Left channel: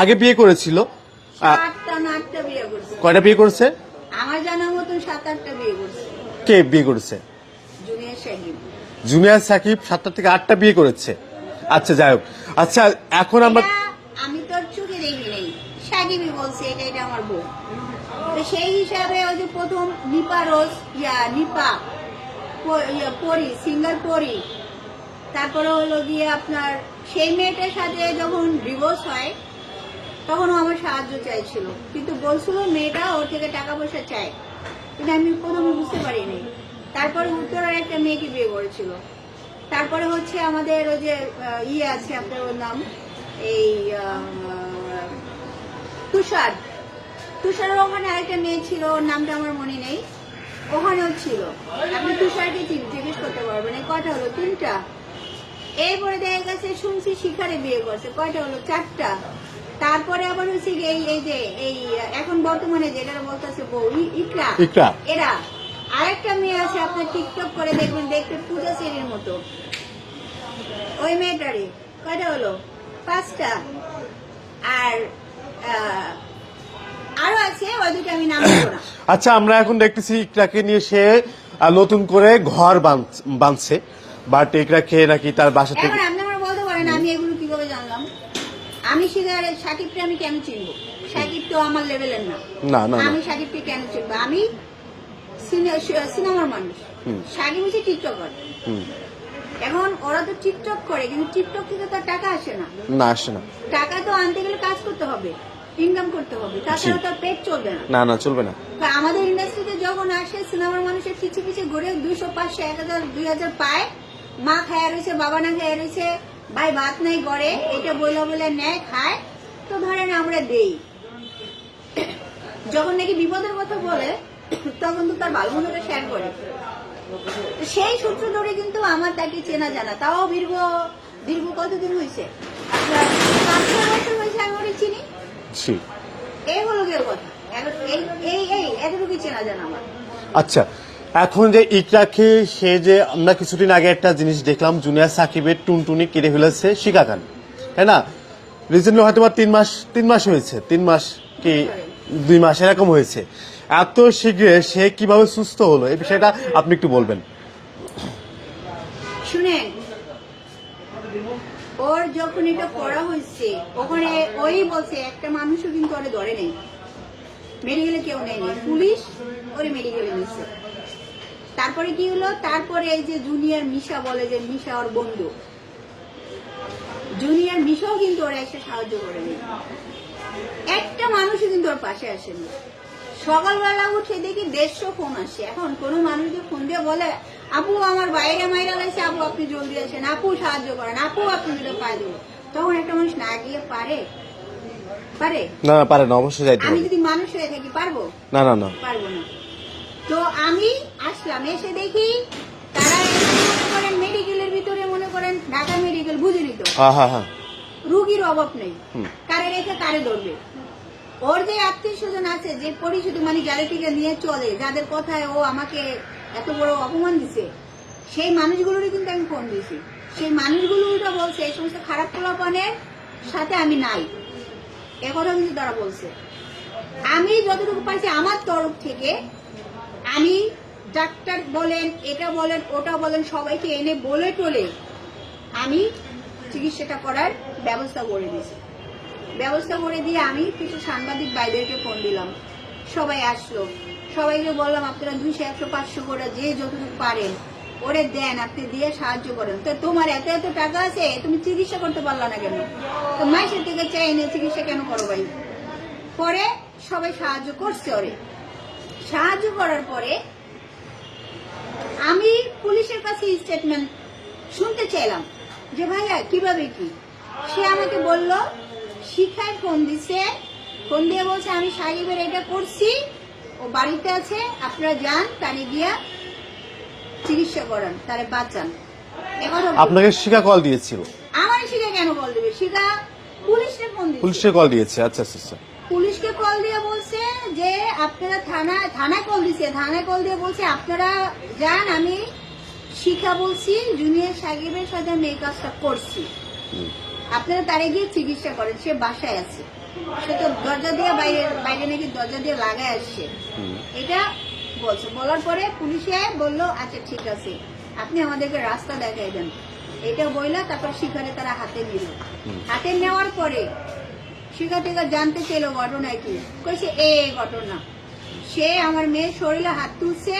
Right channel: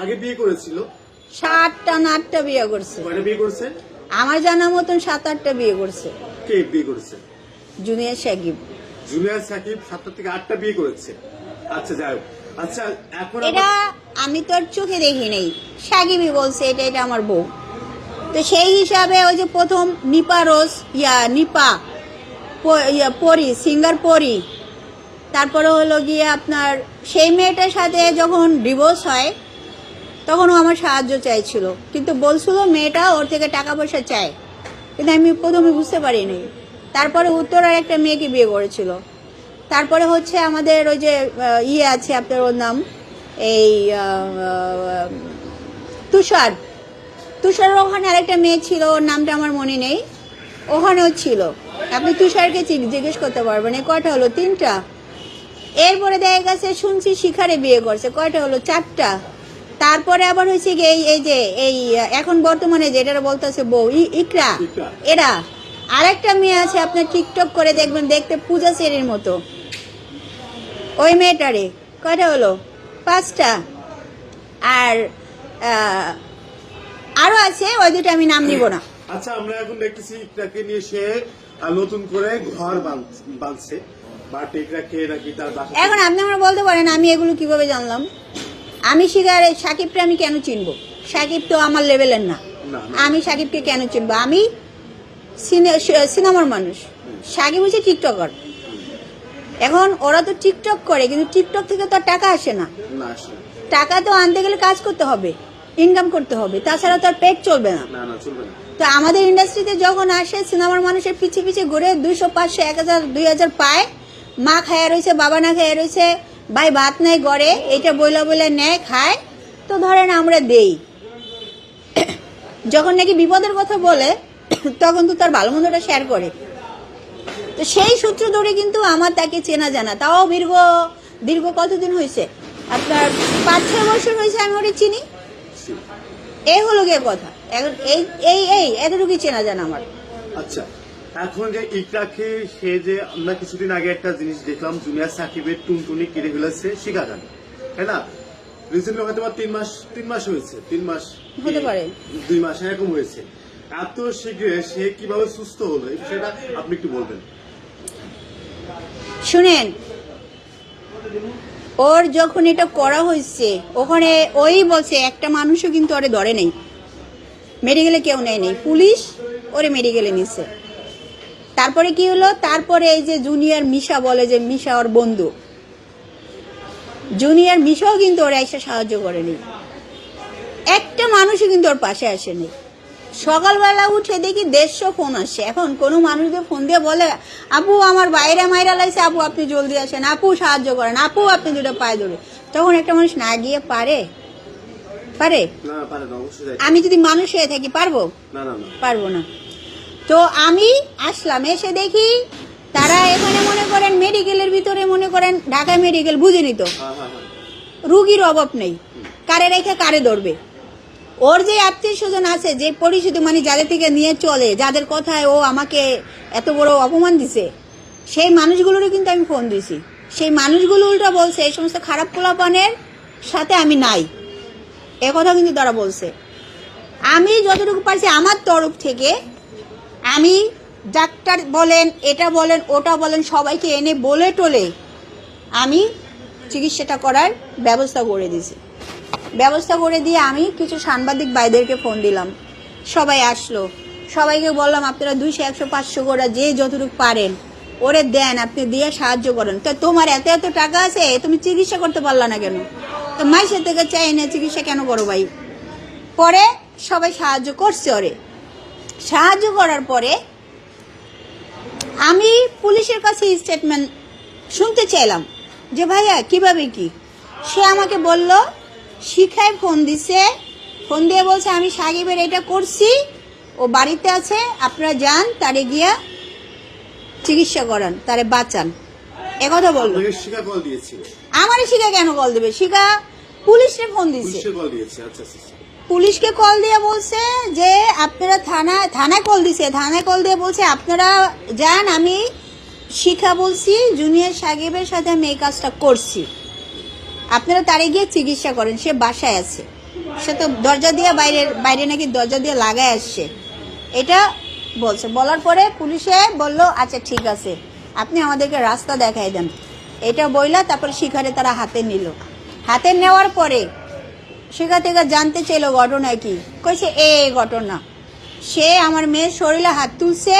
আগে বিয়ে করেছিল? 7টা না 8টা বিয়ে করছে। কয়টা বিয়ে করছে? আমার জানা মতন 7-8টা বিয়ে করছে। কে বিয়ে করেছে? জুনিয়র সাকিব। জুনিয়র সাকিব 7টা থেকে 8টা বিয়ে করেছে। আচ্ছা যাই হোক। আচ্ছা এখন আমরা, আমি তো আর চোখে দেখি নাই, সাকিবই বলছে এটা এটা আমার বউ। তো সেই হিসাবে ওই যে প্রথম নিপা রোজ নিপা পরি সিঙ্গার পরি, তারপরে হলো গিয়ে আপনার সেই মেয়েটার সাথে যখন ডিভোর্স হয় তখন ও আমার সাহায্য চাইছিল, কিন্তু বলছিল মেয়েটা ওর থেকে টাকা পয়সা চায়, কিন্তু আমি প্রথমে বুঝতে পারিনি। তারপরে উত্তরের একটা মেয়েকে বিয়ে করেছিল। তারপরে হচ্ছে আমাদের ওই যে আছে আপনার, ওর নাম এই তুষার। তুষারের ওখানে আরেকটা মেয়ে ছিল, ওর নামটা আমার মনে নেই, ওখানেও ছিল। আপনি তুষারকে জিজ্ঞেস করতে পারবেন। কয়টা হলো? 3টা। এরপরে দেখা গেছে শুনছি শিখারে বিয়ে করছে, কয়টা হলো? 4টা। তারপরে আবার হয়েছে কি এই যে এই এখন বর্তমানে যেটা বলতেছে বউ ইকরা, এরা আরেকটা মেয়ে আছে, আপনি টিকটক করে দেখবেন, দেখতে পূজা সেরির মতো, ওই মেয়েটারে কয়টা হলো? 5টা। আর আরো আছে, ওই দুটো আমি নাম দিব না। আচ্ছা আমরা এখন দেখতেছি ইকরাকে নিয়ে সে নতুন করে ঘর বাঁধছে, বাট ইকরাকে নাকি তার বাসা। এখন আপনি আমার বলতে পারেন আমি এগুলো কিভাবে জানলাম? আমি সাকিবকে আমি কেন চিনবো? সাকিব তো আমার লেভেলের না। আমি সাকিবকে কেন চিনবো? আমি সিনেমার মানুষ, সাকিব হচ্ছে টিকটকার। এখন ওরা তো টিকটক করে, কিন্তু টিকটক থেকে তো টাকা আসে না। আসে না। টাকা তো আনতে গেলে কাজ করতে হবে, ইনকাম করতে হবে, তাছাড়া তো আর পেট চলবে না। চলবে না। তো আমাদের ইন্ডাস্ট্রিতে যখন আসে সিনেমার মানুষের পিছে পিছে ঘুরে 200, 500, 1000, 2000 পায়, মা খায়া রয়েছে, বাবা না খায়া রয়েছে, ভাই ভাত নেই গড়ে, এটা বলে নেয় খায়, তো ধরেন আমরা দেই। যখন নাকি বিপদের কথা বলে তখন তো তার ভালো মন্দটা শেয়ার করে। তো সেই সূত্র ধরে কিন্তু আমার তাকে চেনা জানা, তাও দীর্ঘ কতদিন হয়েছে? আপনার 5-6 বছর হয়েছে আমি ওটা চিনি। এই হলো গিয়ে কথা। এতটুকু চেনা জানা আমার। আচ্ছা এখন যে ইকরাকে সে যে আমরা কিছুদিন আগে একটা জিনিস দেখলাম, জুনিয়র সাকিবের টুনটুনি কেটে ফেলেছে শিখা খান, তাই না? রিসেন্টলি হয়তো 3 মাস হয়েছে, 3 মাস কি 2 মাস এরকম হয়েছে। এত শীঘ্রে সে কিভাবে সুস্থ হলো, এই বিষয়টা আপনি একটু বলবেন। শুনেন, ওর যখন এটা করা হয়েছে ওখানে ওই বলছে একটা মানুষও কিন্তু ওরে ধরে নেই, মেডিকেলে কেউ নেয় নেই, পুলিশ ওরে মেডিকেলে নিচ্ছে। তারপরে কি হলো? তারপরে এই যে জুনিয়র মিশা বলে যে মিশা ওর বন্ধু, জুনিয়র মিশাও কিন্তু ওরা এসে সাহায্য করেনি, একটা মানুষও কিন্তু ওর পাশে আসেনি। সকালবেলা উঠে দেখি 150 ফোন আসছে। এখন কোনো মানুষকে ফোন দিয়ে বলে আপু আমার বাইরে মাইরা লাগছে, আপু আপনি জলদি আসেন, আপু সাহায্য করেন, আপু আপনি দুটো পায়ে ধরে, তখন একটা মানুষ না গিয়ে পারে? না পারে না, অবশ্যই যাইতে। আমি যদি মানুষ হয়ে থাকি পারবো? না পারবো না। তো আমি আসলাম, এসে দেখি তারা এখানে মনে করেন মেডিকেলের ভিতরে, মনে করেন ঢাকা মেডিকেল বুঝিনি তো, রুগীর অভাব নেই, কারে রেখে কারে ধরবে। ওর যে আত্মীয় স্বজন আছে, যে পরিচিত, মানে যাদের থেকে নিয়ে চলে, যাদের কথায় ও আমাকে এত বড় অপমান দিছে, সেই মানুষগুলোরও কিন্তু আমি ফোন দিছি। সেই মানুষগুলো উল্টা বলছে এই সমস্ত খারাপ পোলাপানের সাথে আমি নাই, এ কথা কিন্তু তারা বলছে। আমি যতটুকু পারছি আমার তরফ থেকে, আমি ডাক্তার বলেন, এটা বলেন, ওটা বলেন, সবাইকে এনে বলে টোলে আমি চিকিৎসাটা করার ব্যবস্থা করে দিয়েছি। ব্যবস্থা করে দিয়ে আমি কিছু সাংবাদিক ভাইদেরকে ফোন দিলাম, সবাই আসলো, সবাইকে বললাম আপনারা 200, 100, 500 করে যে যতটুকু পারেন ওরে দেন, আপনি দিয়ে সাহায্য করেন। তো তোমার এত টাকা আছে, তুমি চিকিৎসা করতে পারলা না কেন? তো মাসের থেকে চাই না চিকিৎসা কেন করো ভাই? পরে সবাই সাহায্য করছে। ওরে সাহায্য করার পরে আমি পুলিশের কাছে স্টেটমেন্ট শুনতে চাইলাম যে ভাইয়া কিভাবে কি। সে আমাকে বলল শিখায় ফোন দিছে, ফোন দিয়ে বলছে আমি সাকিবের এটা করছি, ও বাড়িতে আছে, আপনারা যান, তারে গিয়া চিকিৎসা করান, তারে বাঁচান, একথা বলল। আপনাকে শিখা কল দিয়েছিল? আমারে শিখা কেন কল দেবে? শিখা পুলিশে ফোন দিয়েছে। পুলিশে কল দিয়েছে? আচ্ছা আচ্ছা। পুলিশকে কল দিয়ে বলছে যে আপনারা থানায় কল দিছে, থানায় কল দিয়ে বলছে আপনারা যান, আমি শিখা বলছি জুনিয়র সাকিবের সাথে আমি এই কাজটা করছি। আপনারা তারে গিয়ে চিকিৎসা করেন, সে বাসায় আছে, সে তো দরজা দিয়ে বাইরে নাকি দরজা দিয়ে লাগায় আসছে, এটা বলছে। বলার পরে পুলিশে বলল আচ্ছা ঠিক আছে আপনি আমাদেরকে রাস্তা দেখাই দেন, এটা বইলা তারপরে শিখারে তারা হাতে নিল। হাতে নেওয়ার পরে শিখা থেকে জানতে চাইল ঘটনা কি, কইছে এই ঘটনা, সে আমার মেয়ের শরীরে হাত তুলছে,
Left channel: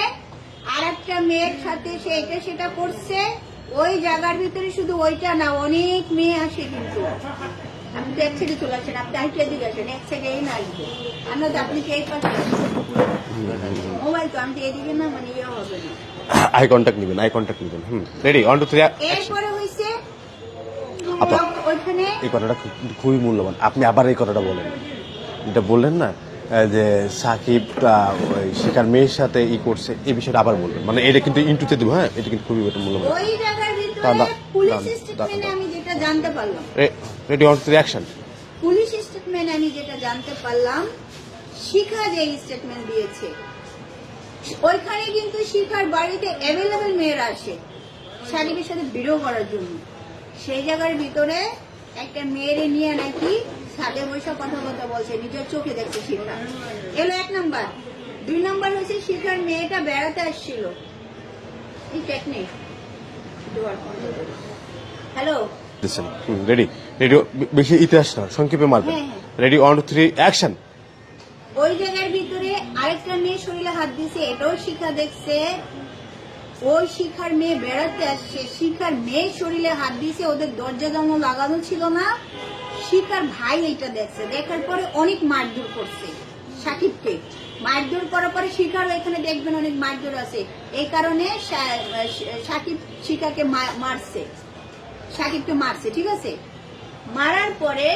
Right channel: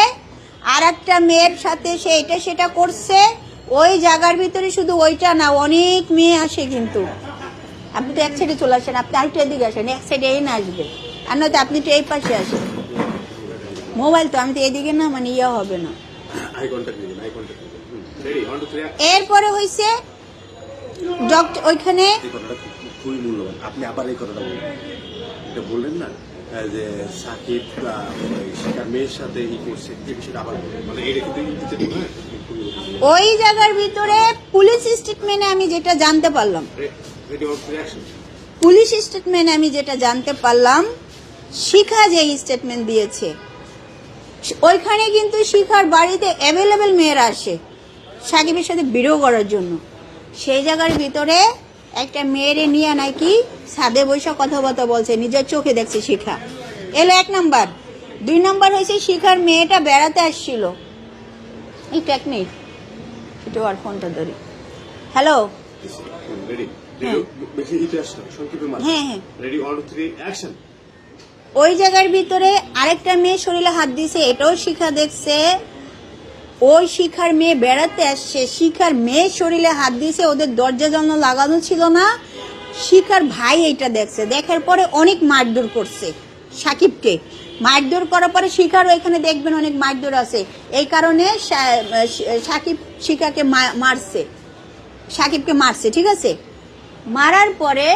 আর একটা মেয়ের সাথে সে এটা সেটা করছে। ওই জায়গার ভিতরে শুধু ওইটা না, অনেক মেয়ে আসে, কিন্তু আপনি তো এক সাইডে চলে আসেন, আপনি আরেকটা দিকে আসেন, এক সাইডে এই না আসবে, আর নয়তো আপনি তো এই পাশে আসেন। মোবাইল তো আমি তো এদিকে না, মানে ইয়ে হবে না, আই কন্টাক্ট নেবেন, আই কন্টাক্ট নেবেন। রেডি 1 2 3। এরপরে হইছে ওইখানে এই কথাটা খুবই মূল্যবান, আপনি আবার এই কথাটা বলেন, এটা বললেন না যে সাকিব ওই শিকার মেয়ের সাথে ই করছে, এই বিষয়টা আবার বলবেন, মানে এটা কিন্তু ইন্টুতে দিব। হ্যাঁ, এটা কিন্তু খুবই মূল্যবান। ওই জায়গার ভিতরে পুলিশ স্টেটমেন্টে আমি যেটা জানতে পারলাম, রেডি 1 2 3 অ্যাকশন। পুলিশ স্টেটমেন্টে আমি যেটা জানতে পারলাম, শিখা যে স্টেটমেন্ট দিয়েছে, ওইখানে কিন্তু শিখার বাড়িতে অ্যাভেলেবেল মেয়েরা আসে সাকিবের সাথে ভিডিও করার জন্য। সেই জায়গার ভিতরে একটা মেয়েরে নিয়ে নাকি ছাদে বসে কথাবার্তা বলছে, নিজের চোখে দেখছে শিখা। এলো 1 নাম্বার। 2 নাম্বার হয়েছে শিখার মেয়েটা বেড়াতে আসছিল, এই টেকনিক একটু আর ফোনটা ধরি। হ্যালো, রেডি রেডি, বেশি ইতিহাস না, সংক্ষেপে মারবেন। হ্যাঁ। Ready 1 2 3 action. ওই জায়গার ভিতরে আরেকটা মেয়ে শরীরে হাত দিছে, এটাও শিখা দেখছে। ওই শিখার মেয়ে বেড়াতে আসছে, শিখার মেয়ে শরীরে হাত দিছে, ওদের দরজা জানালা লাগানো ছিল না, শিখার ভাই এটা দেখছে। দেখার পরে অনেক মারধর করছে সাকিবকে, মারধর করার পরে শিখার ওইখানে দেখবেন অনেক মারধর আছে, এই কারণে সাকিব শিখাকে মারছে, সাকিবকে মারছে, ঠিক আছে। মারার পরে